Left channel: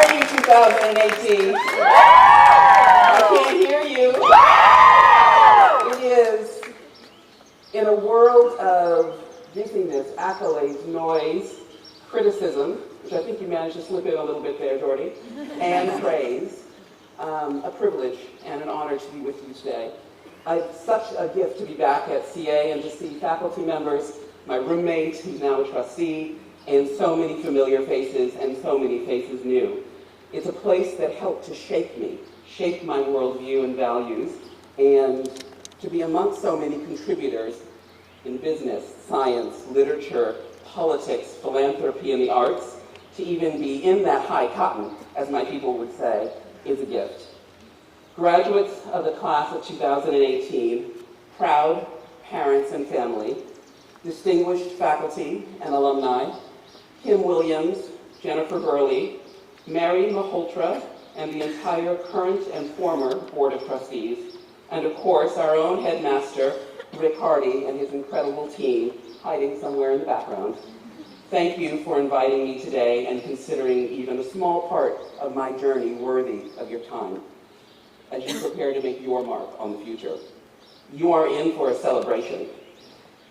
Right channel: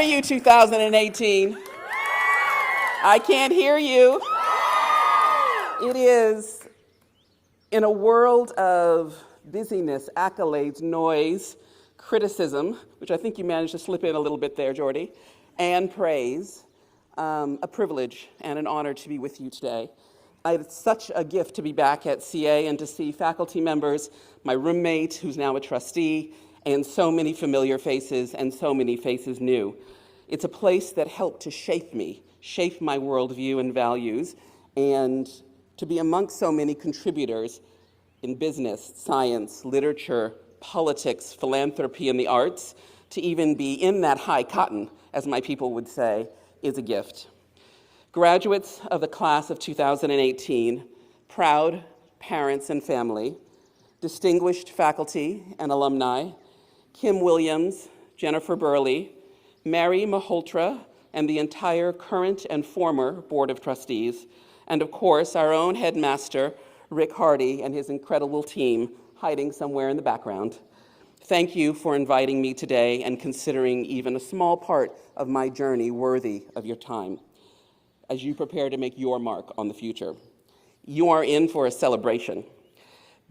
are you, 2018? I can't hear you. It is, in a world of busyness, accolades, noise, criticism, which I think you managed to slip in a little bit there, Jordy, and praise, a privilege and an honor to be with you today. It's such a gift to be back at CA and to see faculty members, my roommate, who's now a trustee, and so many familiar faces and so many faces new. It's a place that helped to shape me, shape my worldview and values, and to be amongst so many contributors in business, science, literature, politics, philanthropy, and the arts, to even be in that high cotton, as my people would say, is a gift. Graduates of the class of 2018, proud parents and family, distinguished faculty and alumni, Kim Williams, Jennifer Burley, Mary Malhotra, and the entire current and former Board of Trustees, and of course our own headmaster, Rick Hardy, and his incredible team hiding somewhere in the background. Thank you for inviting me today and considering even a small part of my journey worthy of your time as you prepare to make your mark on the future. You are in for a celebration.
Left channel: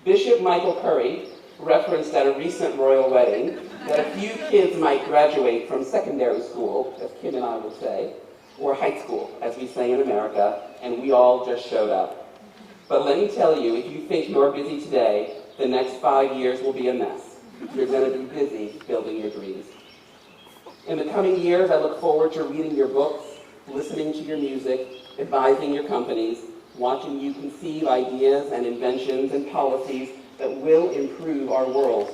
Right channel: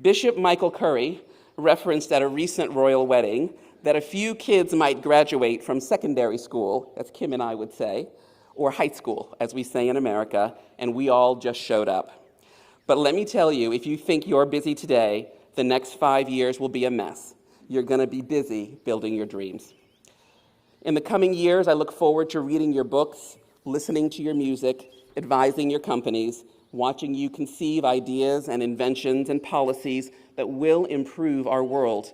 Bishop Michael Curry referenced at a recent royal wedding that a few kids might graduate from secondary school, as Kim and I would say, or high school, as we say in America, and we all just showed up. But let me tell you, if you think you're busy today, the next 5 years will be a mess. You're going to be busy building your dreams. In the coming years, I look forward to reading your books, listening to your music, advising your companies, watching you conceive ideas and inventions and policies that will improve our world.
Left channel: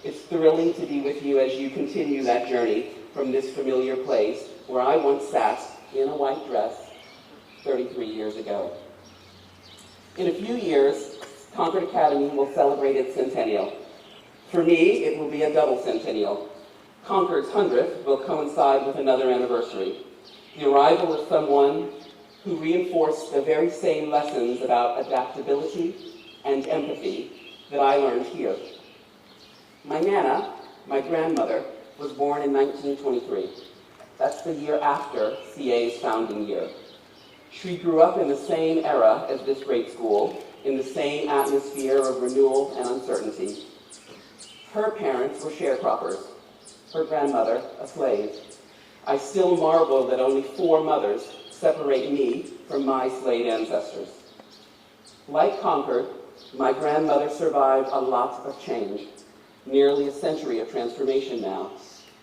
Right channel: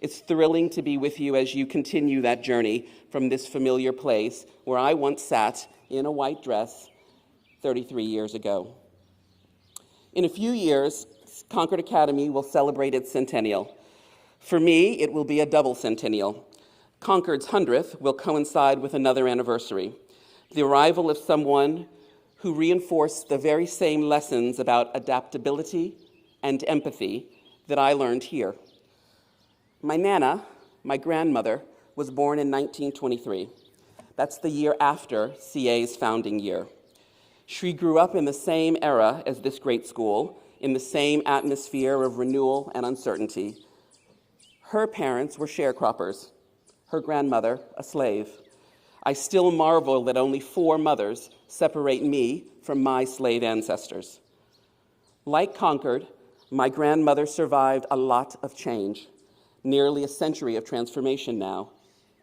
It's thrilling to be with you as you continue that journey from this familiar place where I once sat in a white dress 33 years ago. In a few years, Concord Academy will celebrate its centennial. For me, it will be a double centennial. Concord's 100th will coincide with another anniversary, the arrival of someone who reinforced the very same lessons about adaptability and empathy that I learned here. My Nana, my grandmother, was born in 1923. That's the year after CA's founding year. She grew up in the same era as this great school, in the same atmosphere of renewal and uncertainty. Her parents were sharecroppers, her grandmother a slave. I still marvel that only 4 mothers separate me from my slave ancestors. Like Concord, my grandmother survived a lot of change, nearly a century of transformation now,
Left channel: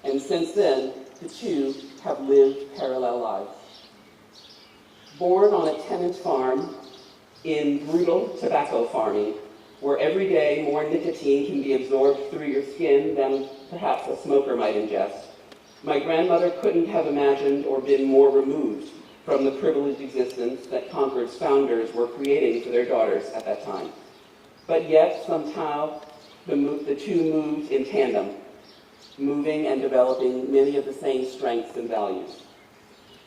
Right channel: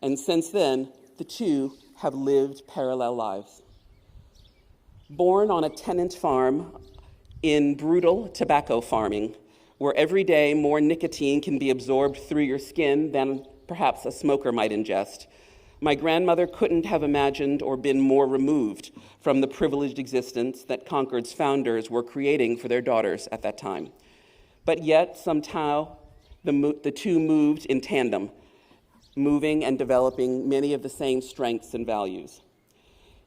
and since then, the two have lived parallel lives. Born on a tenant farm in brutal tobacco farming, where every day more nicotine can be absorbed through your skin than perhaps a smoker might ingest, my grandmother couldn't have imagined or been more removed from the privileged existence that Concord's founders were creating for their daughters at that time. But yet, somehow, the two moved in tandem, moving and developing many of the same strengths and values.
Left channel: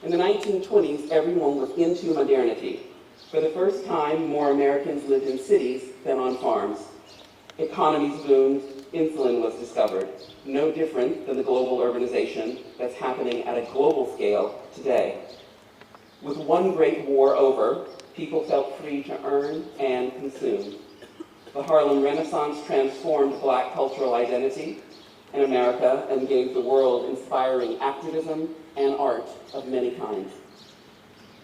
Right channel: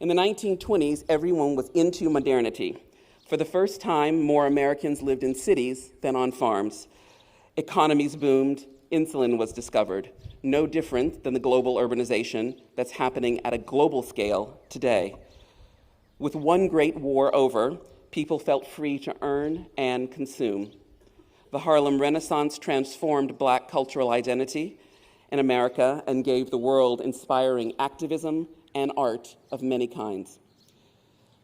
In the 1920s, everyone was into modernity. For the first time, more Americans lived in cities than on farms. Economies boomed, insulin was discovered, no different than the global urbanization that's happening at a global scale today. With one great war over, people felt free to earn and consume. The Harlem Renaissance transformed Black cultural identity in America and gave the world inspiring activism and art of many kinds.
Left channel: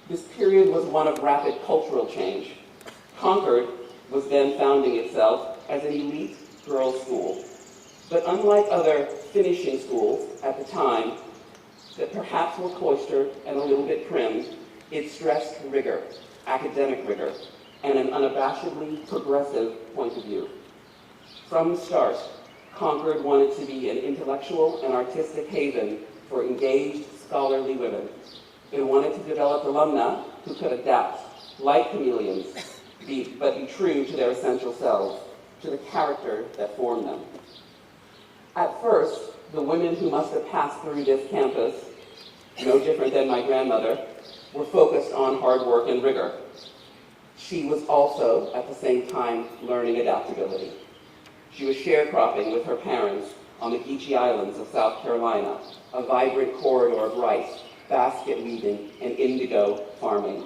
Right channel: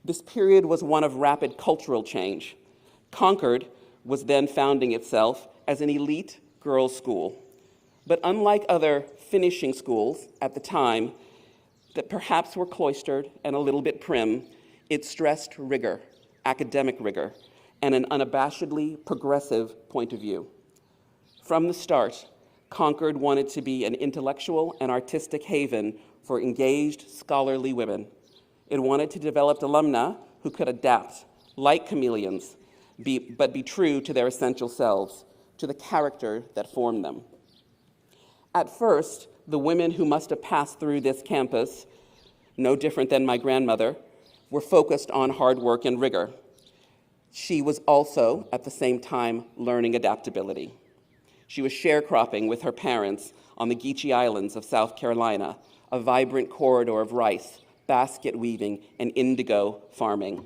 This period was one of rapid cultural change. Concord was then founding itself as an elite girls' school. But unlike other finishing schools at the time that perhaps were cloistered and a little bit prim, it stressed rigor, academic rigor, and an unabashedly progressive point of view. From the start, Concord wanted to be an intellectual and artistic haven for engaged, scholarly women. It wanted to develop alumna who could adapt, like chameleons, but be true to their essential selves, to the character that formed them. At first, the women who must have passed through this campus, no different than my grandmother, were focused on hard work and rigor. She was also, at the same time, learning adaptability. She was sharecropping with her parents on the Geechee Islands of South Carolina, a vibrant corridor of rice, basket weaving, and indigo farming.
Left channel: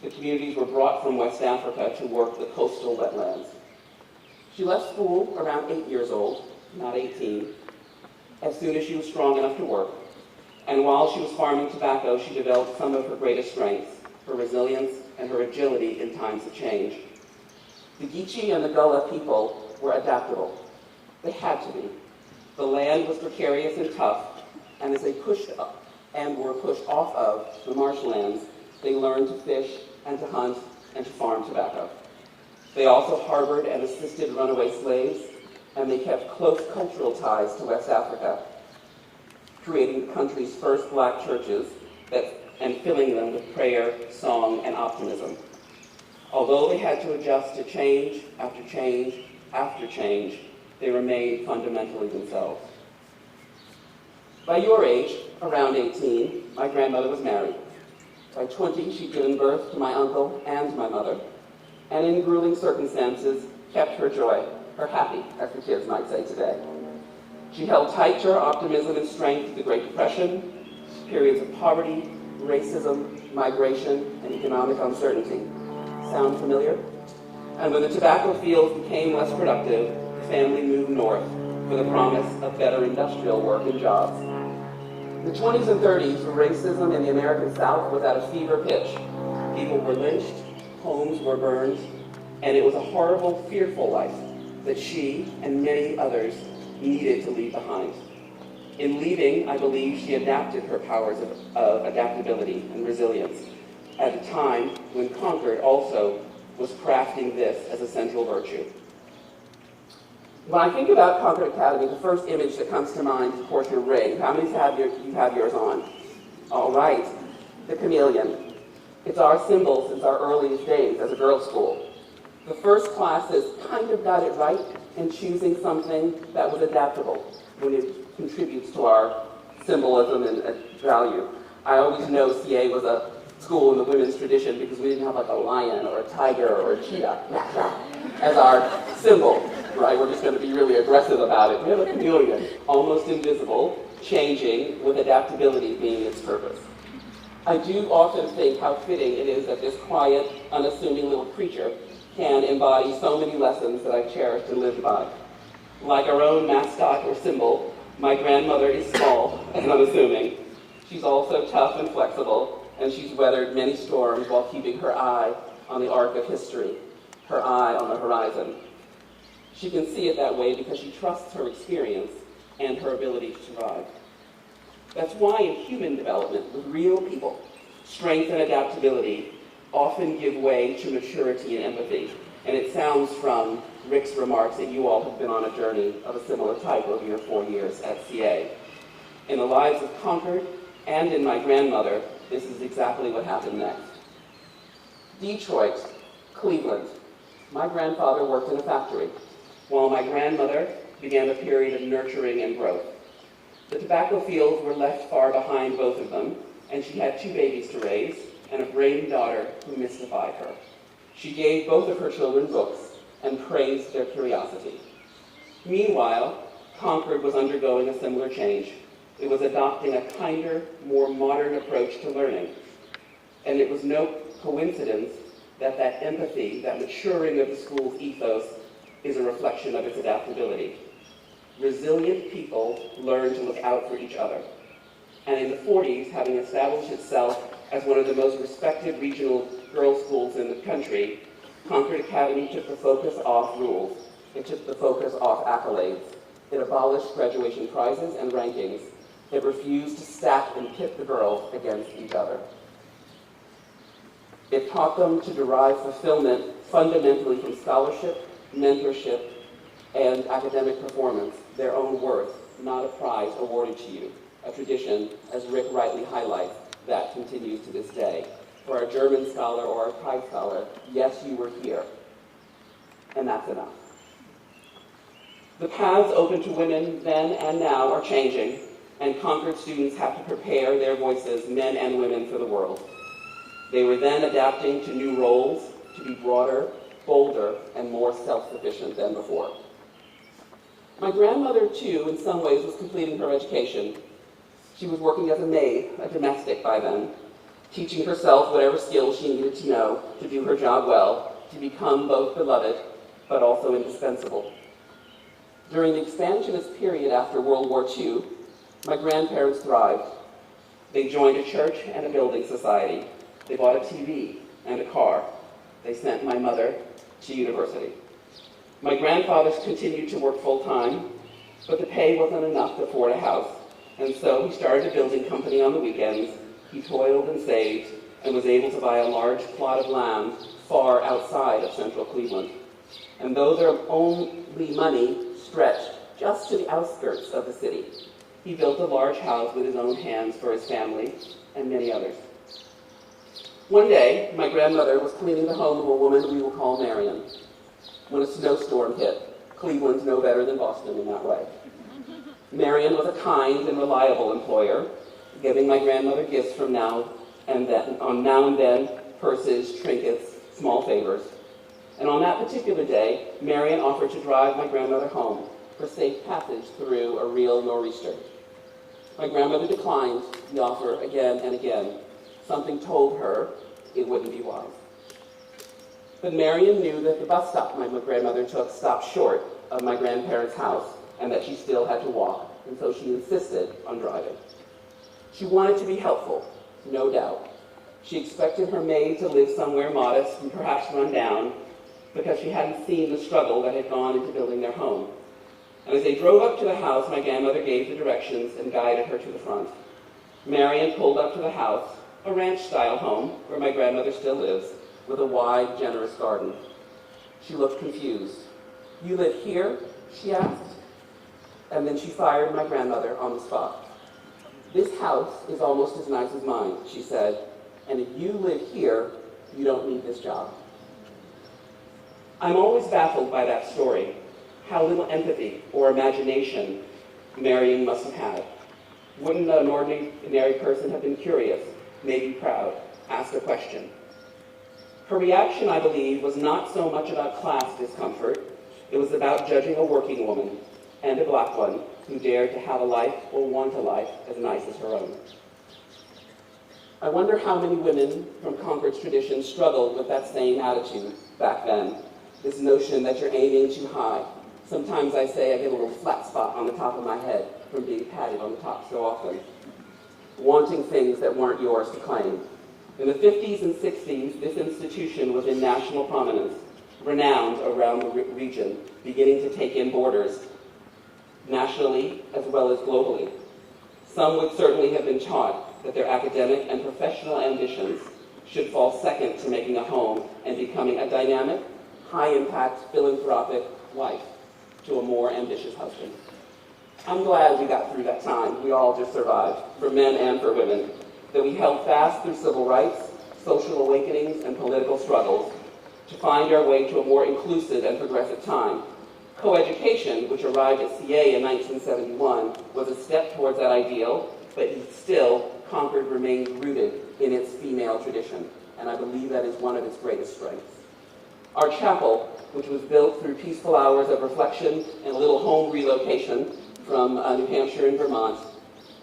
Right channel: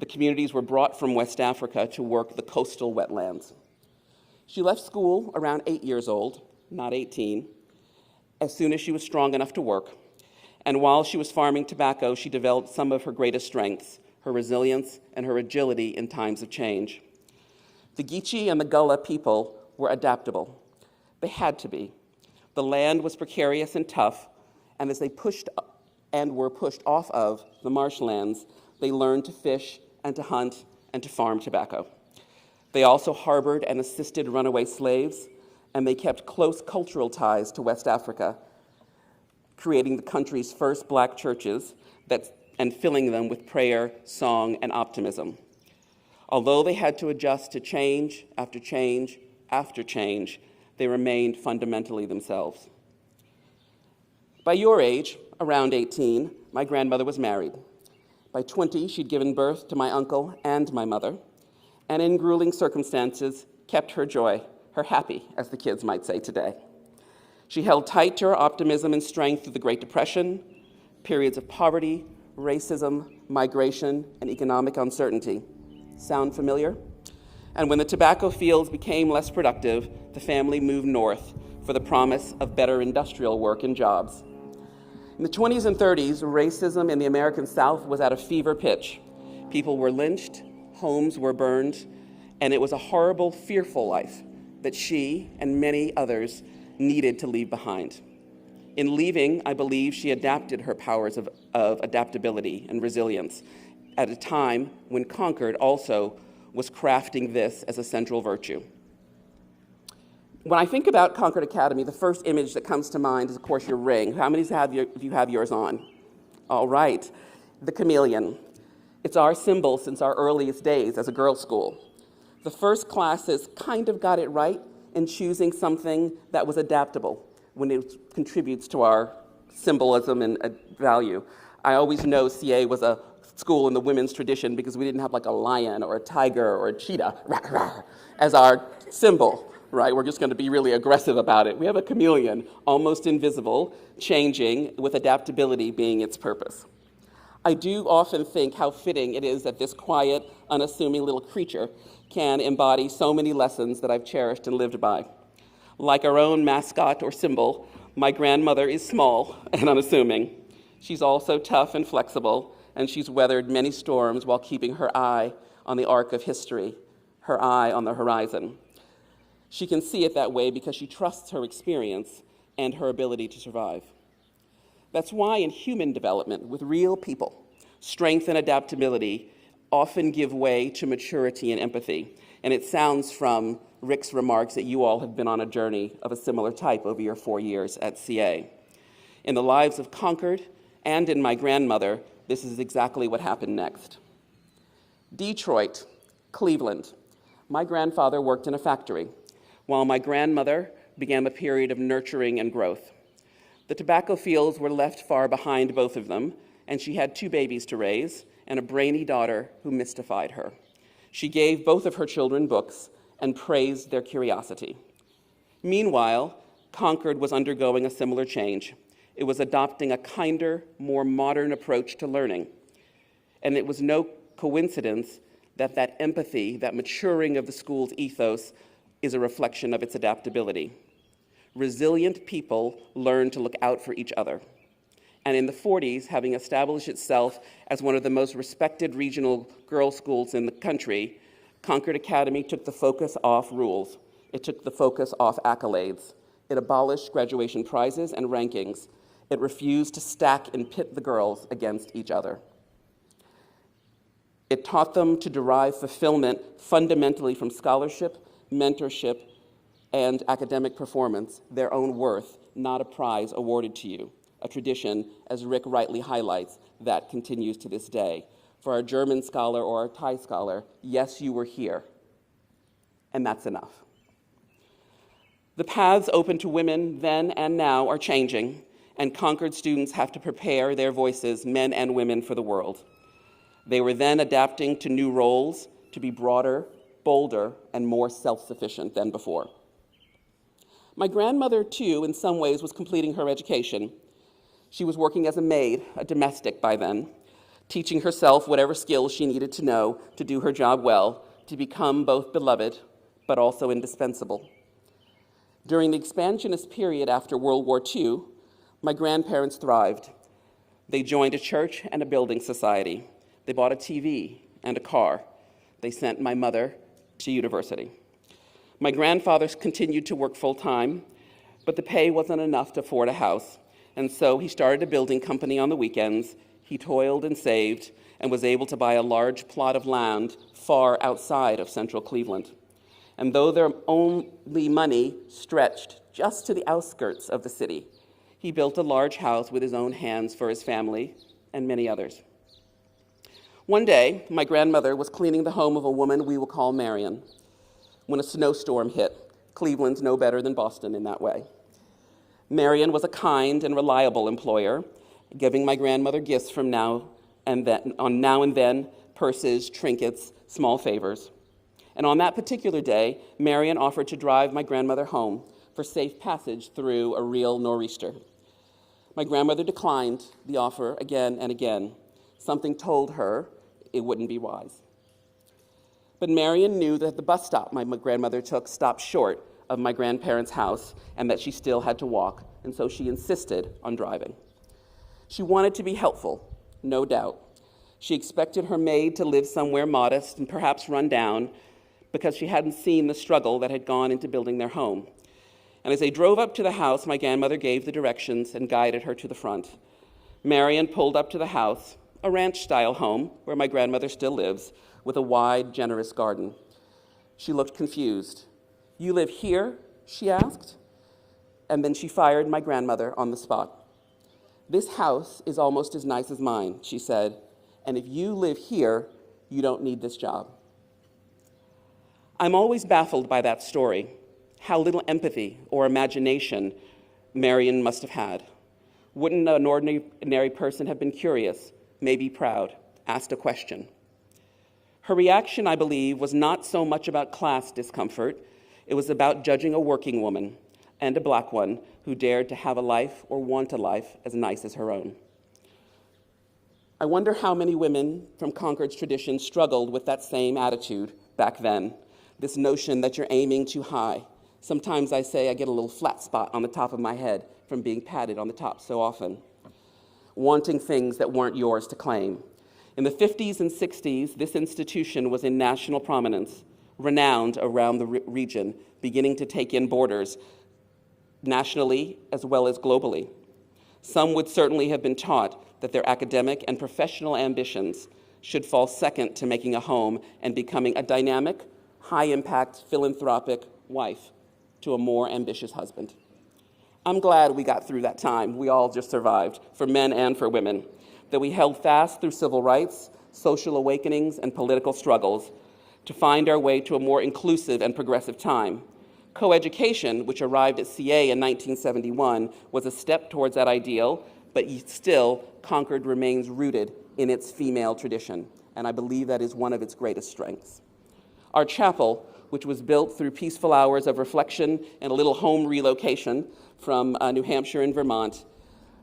The communities were brought from West Africa to work the coastal wetlands. She left school around 8 years old, not 18, as soon as she was strong enough to work. And while she was farming tobacco, she developed some of her greatest strengths, her resilience and her agility in times of change. The Geechee and the Gullah people were adaptable. They had to be. The land was precarious and tough, and as they pushed up and were pushed off of the marshlands, they learned to fish and to hunt and to farm tobacco. They also harbored and assisted runaway slaves, and they kept close cultural ties to West Africa, creating the country's first black churches and filling them with prayer, song, and optimism. Although they had to adjust to change after change after change, they remained fundamentally themselves. By your age, around 18, my grandmother was married. By 20, she'd given birth to my uncle and my mother, and in grueling circumstances, kept her joy, her happy, as the kids might say today. She held tight to her optimism and strength through the Great Depression, periods of poverty, racism, migration, and economic uncertainty. Sound familiar? And when the tobacco fields became less productive, the family moved north for the promise of better industrial work and jobs. In the 20s and 30s, racism in the American South was at a fever pitch. People were lynched, homes were burned, and it was a horrible, fearful life that she and many others needed to leave behind. In leaving, I believe she adapted her powers of adaptability and resilience at a time when Concord also was crafting this as a central virtue. When I think about Concord Academy, the first image that comes to mind is, of course, your rig. How many you have yours on? All right, the chameleon. It's our symbol since our earliest days as a girls' school. The first classes kind of got it right in choosing something that was adaptable when it contributes to our symbolism and value. I always know CA was a school in the women's tradition because we didn't have like a lion or a tiger or a cheetah as our symbol, right? We're just going to be really aggressive about it. We have a chameleon, almost invisible, changing with adaptability being its purpose. I do often think how fitting it is that this quiet, unassuming little creature can embody so many lessons that I've cherished and lived by. Like our own mascot or symbol, my grandmother is small and unassuming. She's also tough and flexible, and she's weathered many storms while keeping her eye on the arc of history, her eye on the horizon. She can see it that way because she trusts her experience and her ability to survive. That's why in human development with real people, strength and adaptability often give way to maturity and empathy. And it sounds from Rick's remarks that you all have been on a journey of a similar type over your 4 years at CA. In the lives of Concord and in my grandmother, this is exactly what happened next. Detroit, Cleveland. My grandfather worked in a factory, while my grandmother began a period of nurturing and growth. The tobacco fields were left far behind both of them, and she had 2 babies to raise and a brainy daughter who mystified her. She gave both of her children books and praised their curiosity. Meanwhile, Concord was undergoing a similar change. It was adopting a kinder, more modern approach to learning. And it was no coincidence that that empathy, that maturing of the school's ethos, is a reflection of its adaptability. Resilient people learn to look out for each other. And in the 40s, having established itself as one of the most respected regional girls' schools in the country, Concord Academy took the focus off rules. It took the focus off accolades. It abolished graduation prizes and rankings. It refused to stack and pit the girls against each other. It taught them to derive fulfillment fundamentally from scholarship, mentorship, and academic performance, their own worth, not a prize awarded to you. A tradition, as Rick rightly highlights, that continues to this day. For a German scholar or a Thai scholar, yes, you were here, and that's enough. The paths open to women then and now are changing, and Concord students have to prepare their voices, men and women, for the world. They were then adapting to new roles to be broader, bolder, and more self-sufficient than before. My grandmother, too, in some ways was completing her education. She was working as a maid, a domestic by then, teaching herself whatever skills she needed to know to do her job well, to become both beloved but also indispensable. During the expansionist period after World War II, my grandparents thrived. They joined a church and a building society. They bought a TV and a car. They sent my mother to university. My grandfather continued to work full-time, but the pay wasn't enough to afford a house, and so he started a building company on the weekends. He toiled and saved and was able to buy a large plot of land far outside of central Cleveland. And though their only money stretched just to the outskirts of the city, he built a large house with his own hands for his family and many others. One day, my grandmother was cleaning the home of a woman we will call Marion when a snowstorm hit. Cleveland's no better than Boston in that way. Marion was a kind and reliable employer, giving my grandmother gifts from now and then, purses, trinkets, small favors. And on that particular day, Marion offered to drive my grandmother home for safe passage through a real nor'easter. My grandmother declined the offer again and again. Something told her it wouldn't be wise. But Marion knew that the bus stop my grandmother took stopped short of my grandparents' house and that she still had to walk, and so she insisted on driving. She wanted to be helpful, no doubt. She expected her maid to live somewhere modest and perhaps run down because she hadn't seen the struggle that had gone into building their home. And as they drove up to the house, my grandmother gave the directions and guided her to the front. Marion pulled up to the house, a ranch-style home where my grandmother still lives, with a wide, generous garden. She looked confused. "You live here?" she asked. And then she fired my grandmother on the spot. "This house is almost as nice as mine," she said, "and if you live here, you don't need this job." I'm always baffled by that story, how little empathy or imagination Marion must have had. Wouldn't an ordinary person have been curious, maybe proud, asked a question? Her reaction, I believe, was not so much about class discomfort. It was about judging a working woman, and a black one, who dared to have a life or want a life as nice as her own. I wonder how many women from Concord's tradition struggled with that same attitude back then, this notion that you're aiming too high. Sometimes I say I get a little flat spot on the top of my head from being patted on the top so often, wanting things that weren't yours to claim. In the 50s and 60s, this institution was in national prominence, renowned around the region, beginning to take in borders, nationally as well as globally. Some would certainly have been taught that their academic and professional ambitions should fall second to making a home and becoming a dynamic, high-impact, philanthropic wife to a more ambitious husband. I'm glad we got through that time. We all just survived, for men and for women, that we held fast through civil rights, social awakenings, and political struggles to find our way to a more inclusive and progressive time. Coeducation, which arrived at CA in 1971, was a step towards that ideal, but still, Concord remains rooted in its female tradition, and I believe that is one of its greatest strengths. Our chapel, which was built through peaceful hours of reflection and a little home relocation from New Hampshire and Vermont,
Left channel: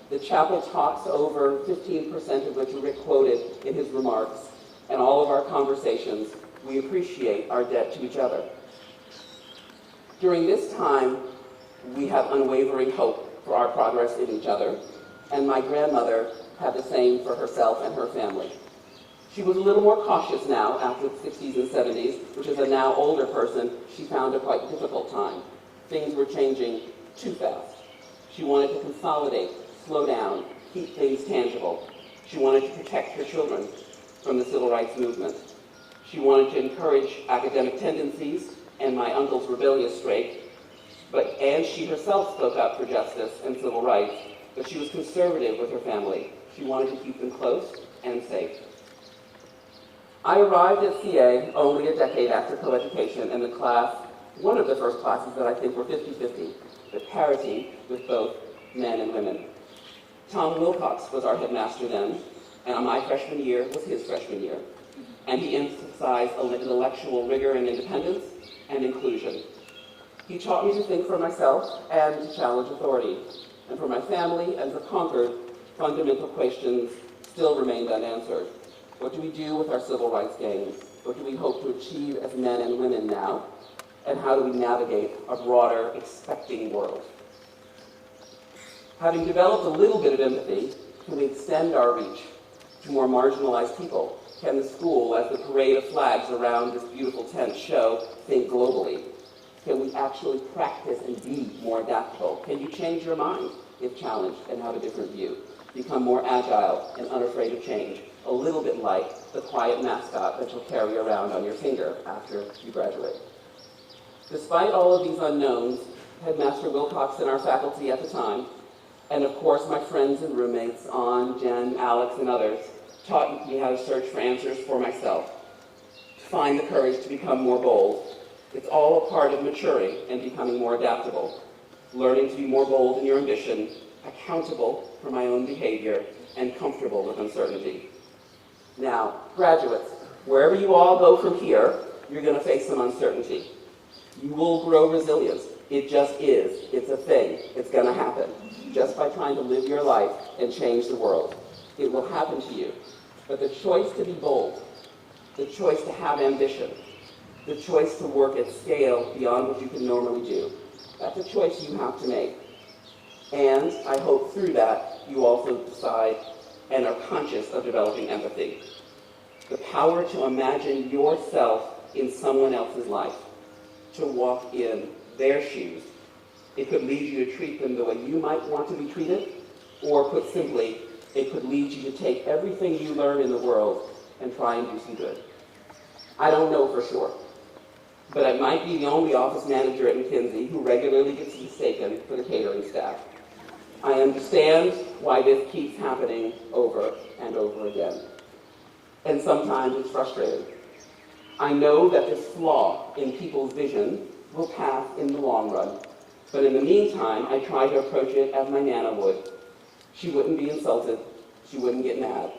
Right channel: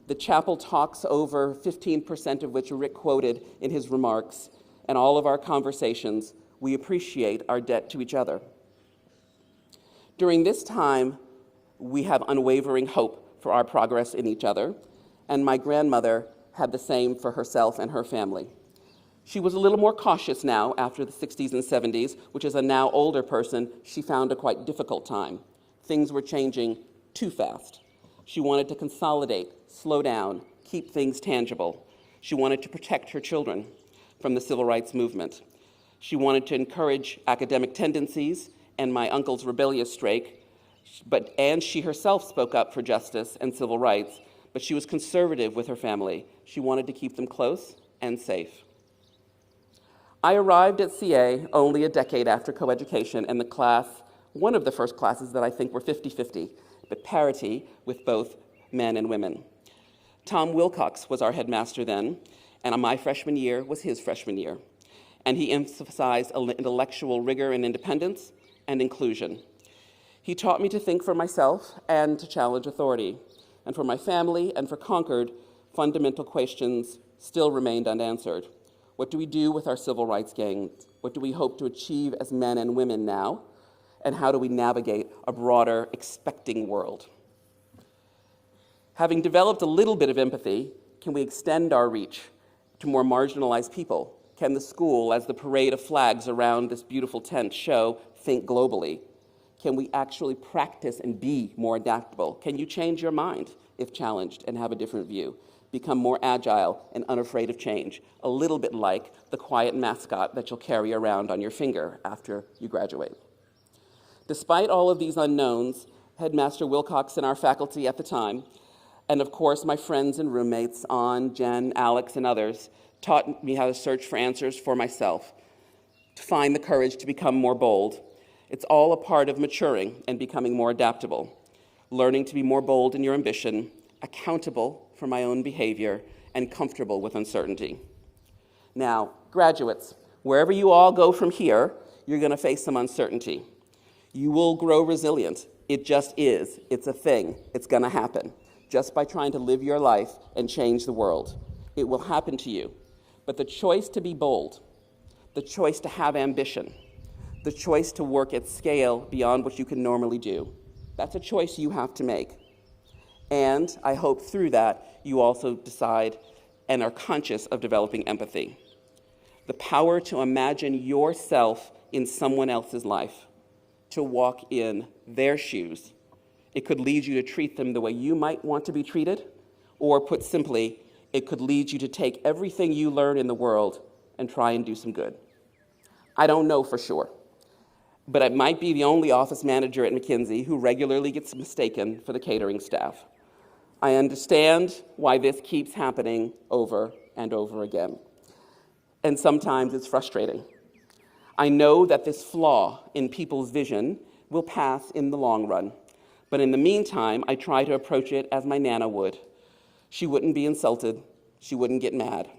the chapel talks over 15% of which Rick quoted in his remarks, and all of our conversations, we appreciate our debt to each other. During this time, we have unwavering hope for our progress in each other, and my grandmother had the same for herself and her family. She was a little more cautious now after the 60s and 70s, which as a now older person, she found a quite difficult time. Things were changing too fast. She wanted to consolidate, slow down, keep things tangible. She wanted to protect her children from the civil rights movement. She wanted to encourage academic tendencies and my uncle's rebellious streak, and she herself spoke up for justice and civil rights, but she was conservative with her family. She wanted to keep them close and safe. I arrived at CA only a decade after coeducation, and the class, one of the first classes that I think were 50-50, but parity with both men and women. Tom Wilcox was our headmaster then, and my freshman year was his freshman year. And he emphasized intellectual rigor and independence and inclusion. He taught me to think for myself and to challenge authority. And for my family and for Concord, fundamental questions still remained unanswered. What do we do with our civil rights gains? What do we hope to achieve as men and women now? And how do we navigate a broader, expecting world? Having developed a little bit of empathy, can we extend our reach to more marginalized people? Can the school, as the parade of flags around this beautiful tent show, think globally? Can we actually practice and be more adaptable? Can you change your mind if challenged and have a different view? Become more agile and unafraid of change, a little bit like the quiet mascot that you'll carry around on your finger after you graduate. Despite all of these unknowns, Headmaster Wilcox and our faculty at the time, and of course my friends and roommates, Ann, Jen, Alex, and others, taught me how to search for answers for myself, to find the courage to become more bold. It's all a part of maturing and becoming more adaptable, learning to be more bold in your ambition, accountable for my own behavior, and comfortable with uncertainty. Now, graduates, wherever you all go from here, you're going to face some uncertainty. You will grow resilient. It just is. It's a thing. It's going to happen. Just by trying to live your life and change the world. It will happen to you. But the choice to be bold, the choice to have ambition, the choice to work at scale beyond what you can normally do, that's a choice you have to make. And I hope through that you also decide and are conscious of developing empathy. The power to imagine yourself in someone else's life, to walk in their shoes. It could lead you to treat them the way you might want to be treated, or put simply, it could lead you to take everything you learn in the world and try and do some good. I don't know for sure, but I might be the only office manager at McKinsey who regularly gets mistaken for the catering staff. I understand why this keeps happening over and over again. And sometimes it's frustrating. I know that this flaw in people's vision will pass in the long run. But in the meantime, I try to approach it as my Nana would. She wouldn't be insulted. She wouldn't get mad.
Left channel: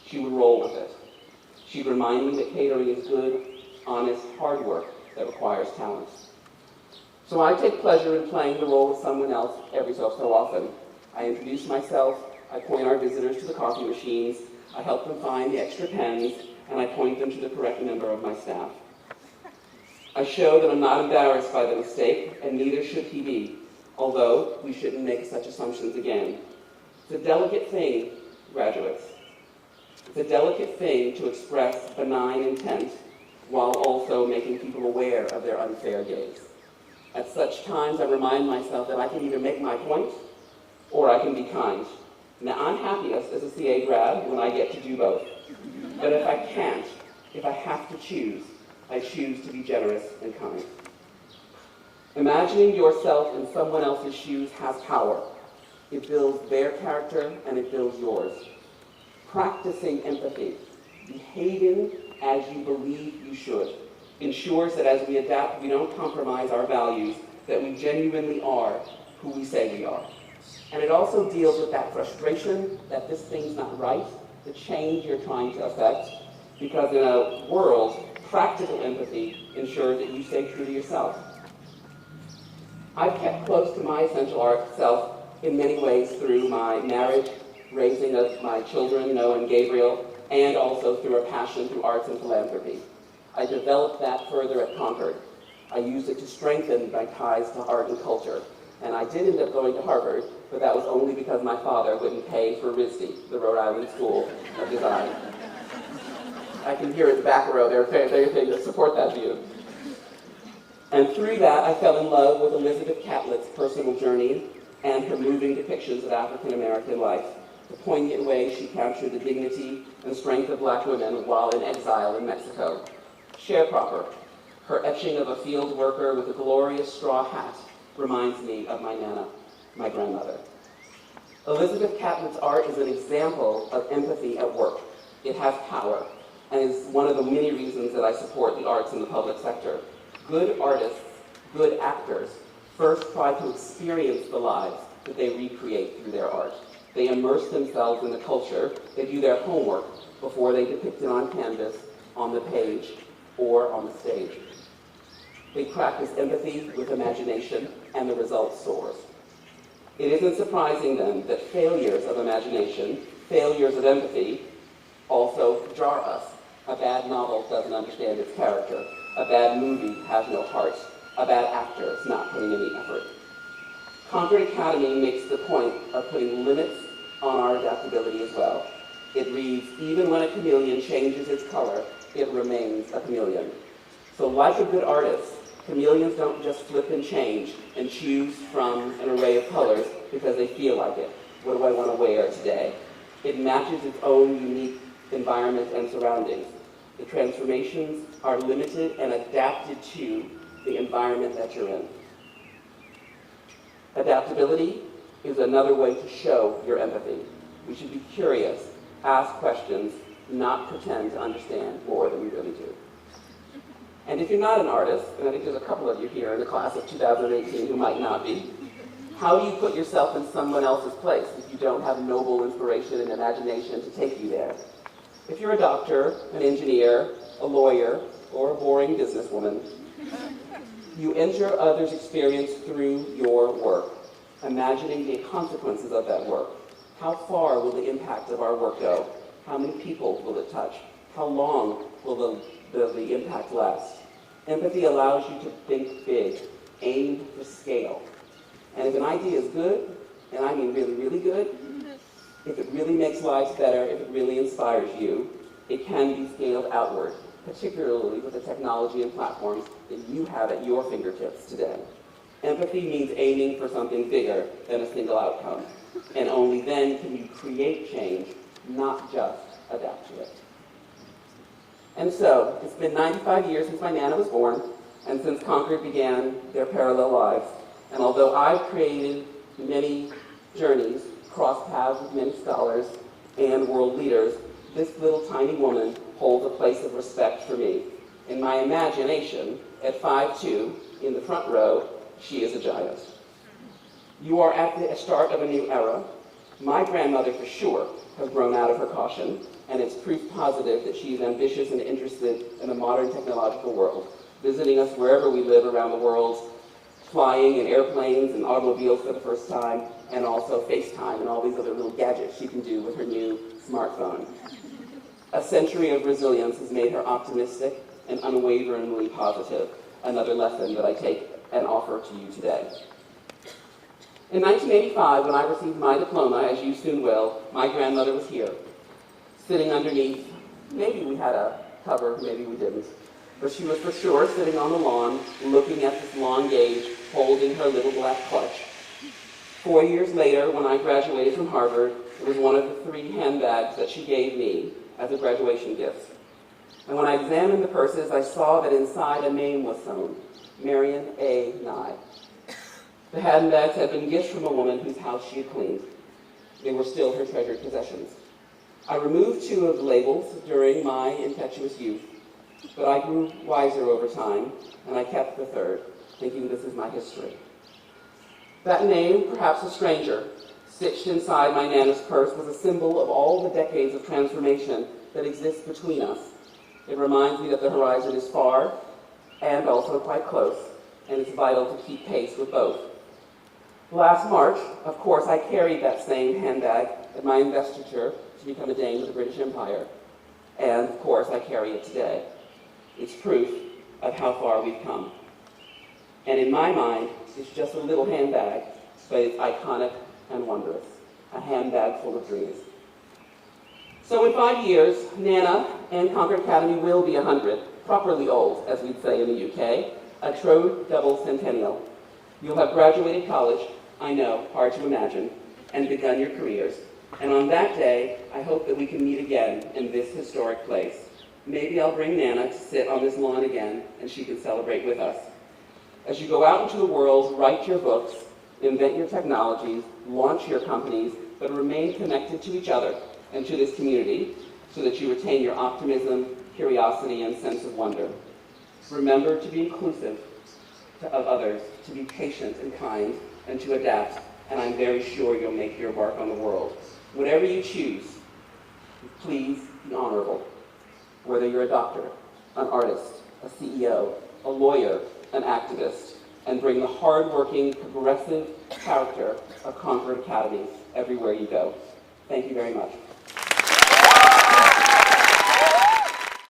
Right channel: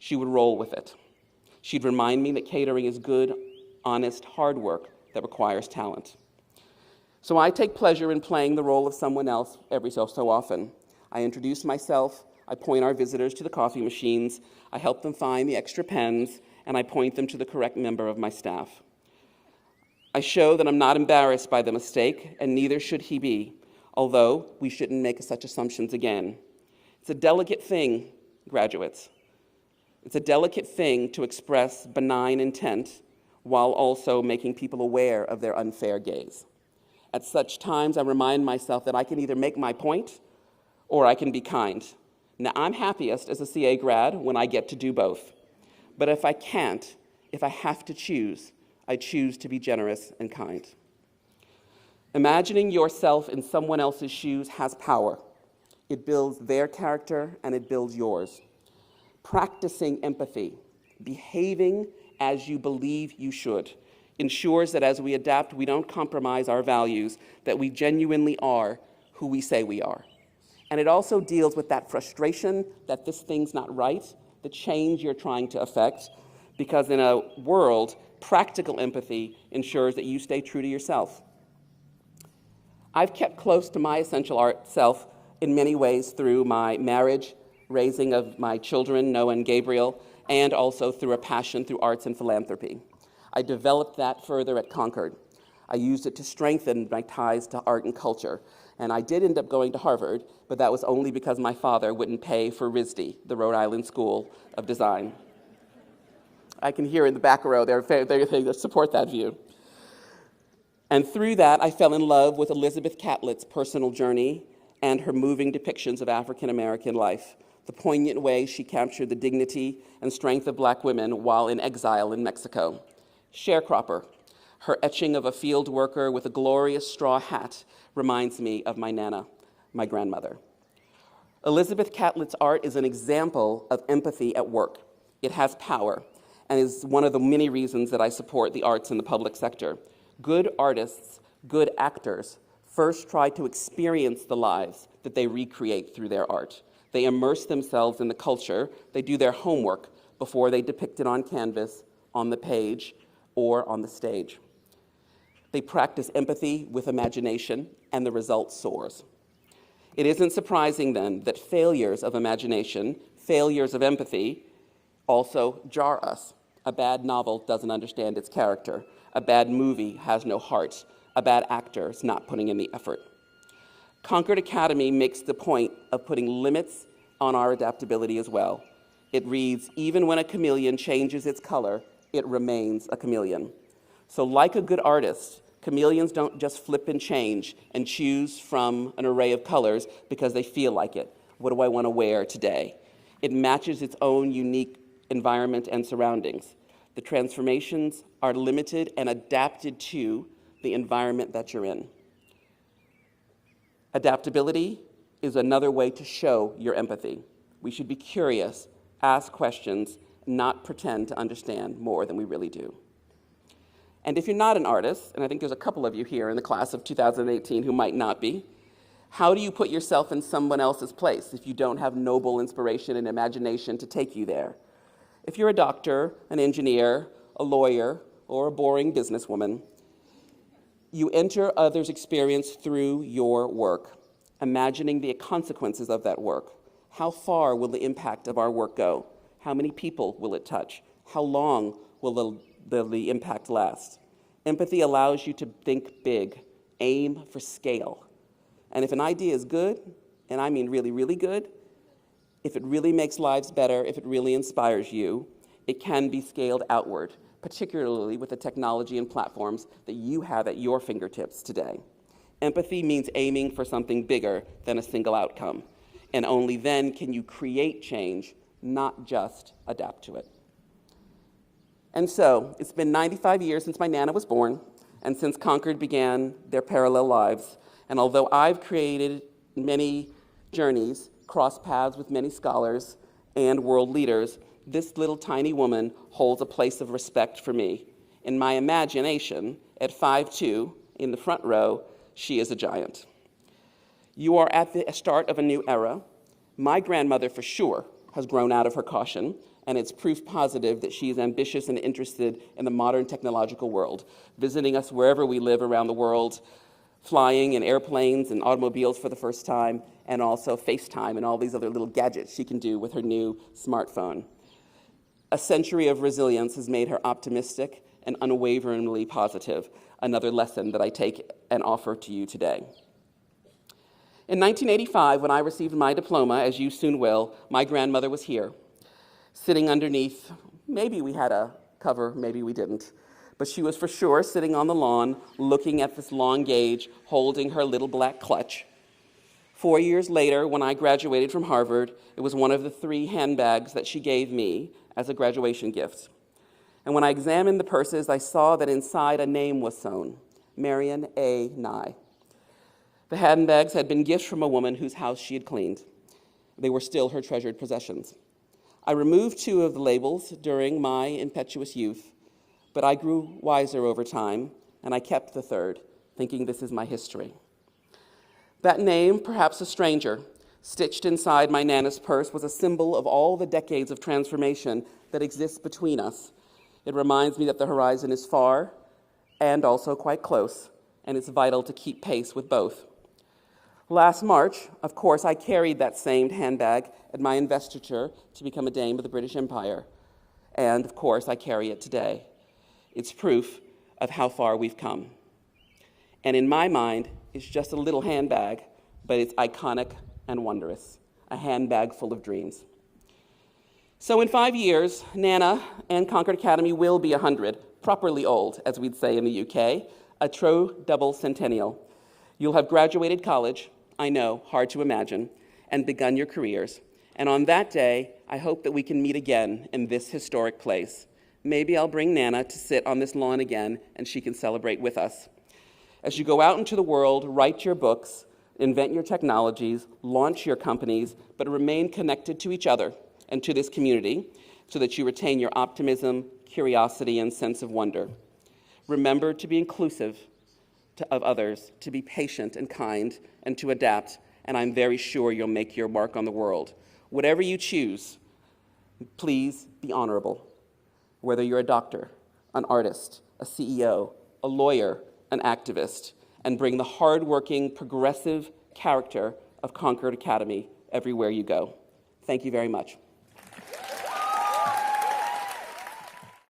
She would roll with it. She'd remind me that catering is good, honest, hard work that requires talent. So I take pleasure in playing the role of someone else every so often. I introduce myself, I point our visitors to the coffee machines, I help them find the extra pens, and I point them to the correct member of my staff. I show that I'm not embarrassed by the mistake, and neither should he be, although we shouldn't make such assumptions again. It's a delicate thing, graduates. It's a delicate thing to express benign intent while also making people aware of their unfair gaze. At such times, I remind myself that I can either make my point or I can be kind. Now, I'm happiest as a CA grad when I get to do both. But if I can't, if I have to choose, I choose to be generous and kind. Imagining yourself in someone else's shoes has power. It builds their character and it builds yours. Practicing empathy, behaving as you believe you should, ensures that as we adapt, we don't compromise our values, that we genuinely are who we say we are. And it also deals with that frustration that this thing's not right, the change you're trying to affect, because in a world, practical empathy ensures that you stay true to yourself. I've kept close to my essential art self in many ways through my marriage, raising of my children, Noah and Gabriel, and also through a passion through arts and philanthropy. I developed that further at Concord. I used it to strengthen my ties to art and culture. And I did end up going to Harvard, but that was only because my father wouldn't pay for RISD, the Rhode Island School of Design. I can hear in the back row, there are things that support that view. And through that, I fell in love with Elizabeth Catlett's personal journey and her moving depictions of African American life, the poignant way she captured the dignity and strength of Black women while in exile in Mexico. Sharecropper, her etching of a field worker with a glorious straw hat, reminds me of my Nana, my grandmother. Elizabeth Catlett's art is an example of empathy at work. It has power, and is one of the many reasons that I support the arts in the public sector. Good artists, good actors, first try to experience the lives that they recreate through their art. They immerse themselves in the culture, they do their homework before they depict it on canvas, on the page, or on the stage. They practice empathy with imagination, and the result soars. It isn't surprising then that failures of imagination, failures of empathy, also jar us. A bad novel doesn't understand its character. A bad movie has no heart. A bad actor is not putting in the effort. Concord Academy makes the point of putting limits on our adaptability as well. It reads, even when a chameleon changes its color, it remains a chameleon. So like a good artist, chameleons don't just flip and change and choose from an array of colors because they feel like it. What do I want to wear today? It matches its own unique environment and surroundings. The transformations are limited and adapted to the environment that you're in. Adaptability is another way to show your empathy. We should be curious, ask questions, not pretend to understand more than we really do. And if you're not an artist, and I think there's a couple of you here in the class of 2018 who might not be, how do you put yourself in someone else's place if you don't have noble inspiration and imagination to take you there? If you're a doctor, an engineer, a lawyer, or a boring businesswoman, you enter others' experience through your work, imagining the consequences of that work. How far will the impact of our work go? How many people will it touch? How long will the impact last? Empathy allows you to think big, aim for scale. And if an idea is good, and I mean really, really good, if it really makes lives better, if it really inspires you, it can be scaled outward, particularly with the technology and platforms that you have at your fingertips today. Empathy means aiming for something bigger than a single outcome. And only then can you create change, not just adapt to it. And so, it's been 95 years since my Nana was born, and since Concord began their parallel lives. And although I've created many journeys, crossed paths with many scholars and world leaders, this little tiny woman holds a place of respect for me. In my imagination, at 5'2", in the front row, she is a giant. You are at the start of a new era. My grandmother, for sure, has grown out of her caution, and it's proof positive that she's ambitious and interested in the modern technological world, visiting us wherever we live around the world, flying in airplanes and automobiles for the first time, and also FaceTime and all these other little gadgets she can do with her new smartphone. A century of resilience has made her optimistic and unwaveringly positive, another lesson that I take and offer to you today. In 1985, when I received my diploma, as you soon will, my grandmother was here, sitting underneath, maybe we had a cover, maybe we didn't, but she was for sure sitting on the lawn, looking at this long gauge, holding her little black clutch. 4 years later, when I graduated from Harvard, it was one of the 3 handbags that she gave me as a graduation gift. And when I examined the purses, I saw that inside a name was sewn, Marion A. Nye. The handbags had been gifts from a woman whose house she had cleaned. They were still her treasured possessions. I removed 2 of the labels during my impetuous youth, but I grew wiser over time, and I kept the 3rd, thinking this is my history. That name, perhaps a stranger, stitched inside my Nana's purse, was a symbol of all the decades of transformation that exists between us. It reminds me that the horizon is far and also quite close, and it's vital to keep pace with both. Last March, of course, I carried that same handbag at my investiture to become a Dame of the British Empire. And, of course, I carry it today. It's proof of how far we've come. And in my mind, it's just a little handbag, but it's iconic and wondrous. A handbag full of dreams. So in 5 years, Nana and Concord Academy will be 100, properly old, as we'd say in the UK, a true double centennial. You'll have graduated college, I know, hard to imagine, and begun your careers. And on that day, I hope that we can meet again in this historic place. Maybe I'll bring Nana to sit on this lawn again, and she can celebrate with us. As you go out into the world, write your books, invent your technologies, launch your companies, but remain connected to each other and to this community so that you retain your optimism, curiosity, and sense of wonder. Remember to be inclusive of others, to be patient and kind, and to adapt, and I'm very sure you'll make your mark on the world. Whatever you choose, please be honorable. Whether you're a doctor, an artist, a CEO, a lawyer, an activist, and bring the hardworking, progressive character of Concord Academy everywhere you go. Thank you very much.